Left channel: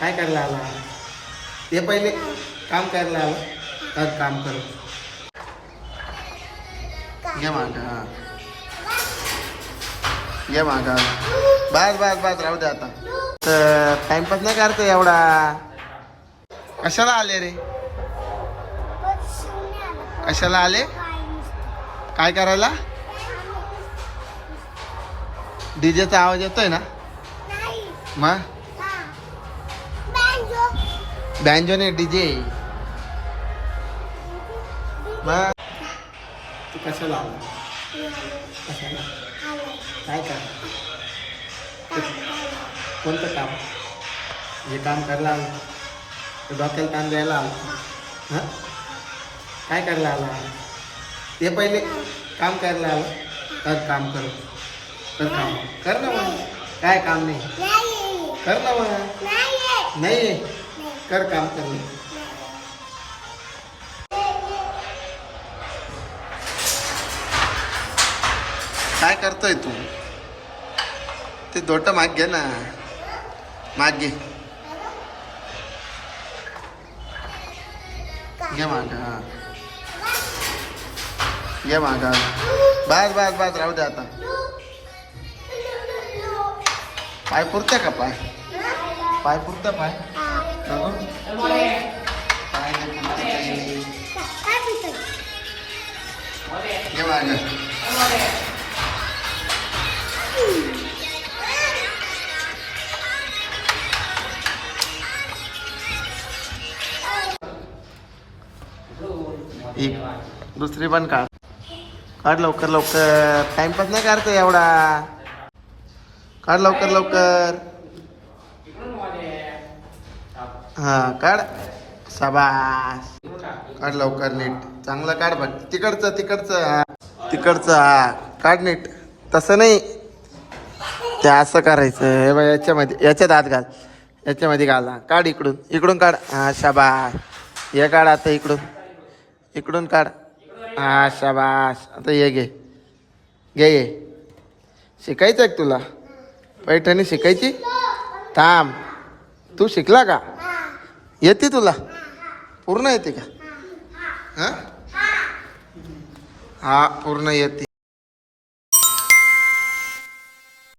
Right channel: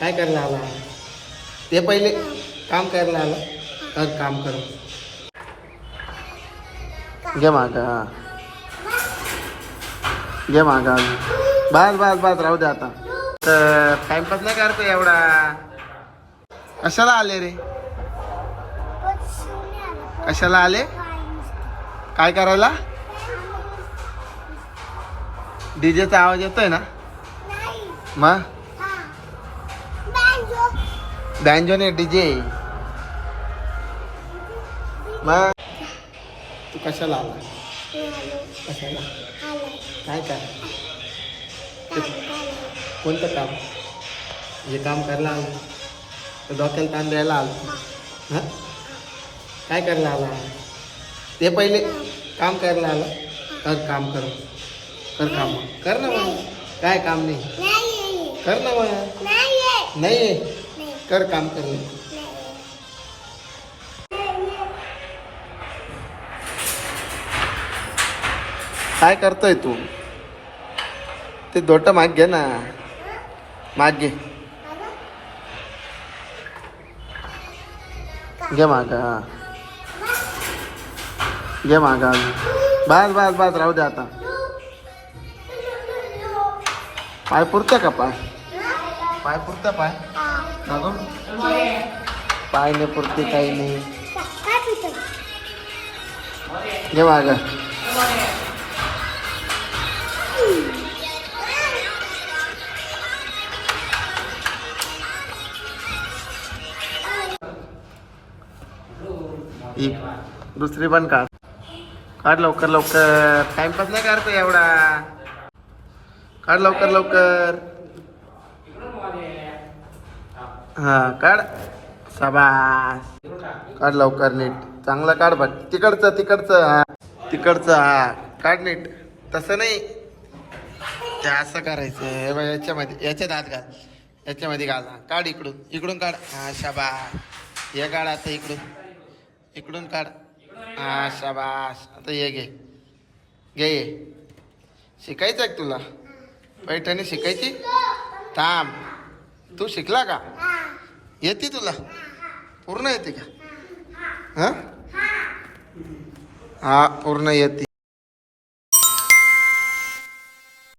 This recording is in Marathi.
काय करायला आला? ते पहिले काम करायला आला. तर काम कर. घे माग हा. घे माग बस बस बस राहू दे आता. तर टाइमपास नाही करतो एवढा. कशाला आले रे? कशाला आले? काय करायला? डीजेचा आवाज येतोय ना? मग? बँजो ने डीजे. मग तू कशाला आला कशाला? काय कर कोणतं काम? हे काम करायला आलं. तर डोक्याला ताण द्यायला आलं. हां? काय करायला आला? ते पहिले काम करायला आलं. तर काम कर. कर काम. कर ना मग काय काम नाही? कर ना मग नाही? कर काम कर काय करतोय तू? ते दोट माग घे ना. माग घे. घे माग हा. घे माग बस बस बस राहू दे आता. पाय पुरतं का पाय? पाय पुरतं पाय. पाय नाही पुरते काही नाही. घे माग. एक दुसरी पण काढ. काढ लवकर लवकर. टाइमपास नाही करतो एवढा. काढ लवकर लवकर. हा काढ. शाबास. काढ लवकर नीट. चांगलं काढ बघ. तिकडचं तिकडचं. हा तिकडचं हा. काढ नीट. तसं नाही. ते असं करायचं. हे बघ याच्यामध्ये याच्यात आत घाल. याच्यामध्ये घाला. काढ इकडून. इकडून काढ. हा शाबास. हे काढ आता इकडून. इकडून काढ. हा शाबास. आता ये घे. घे ये शिकायचं आहे तुला? पैठणी शिकायची? थांब. तू शिकला का? येते तुला? पूर्ण येते का? हां? हा पूर्ण येते.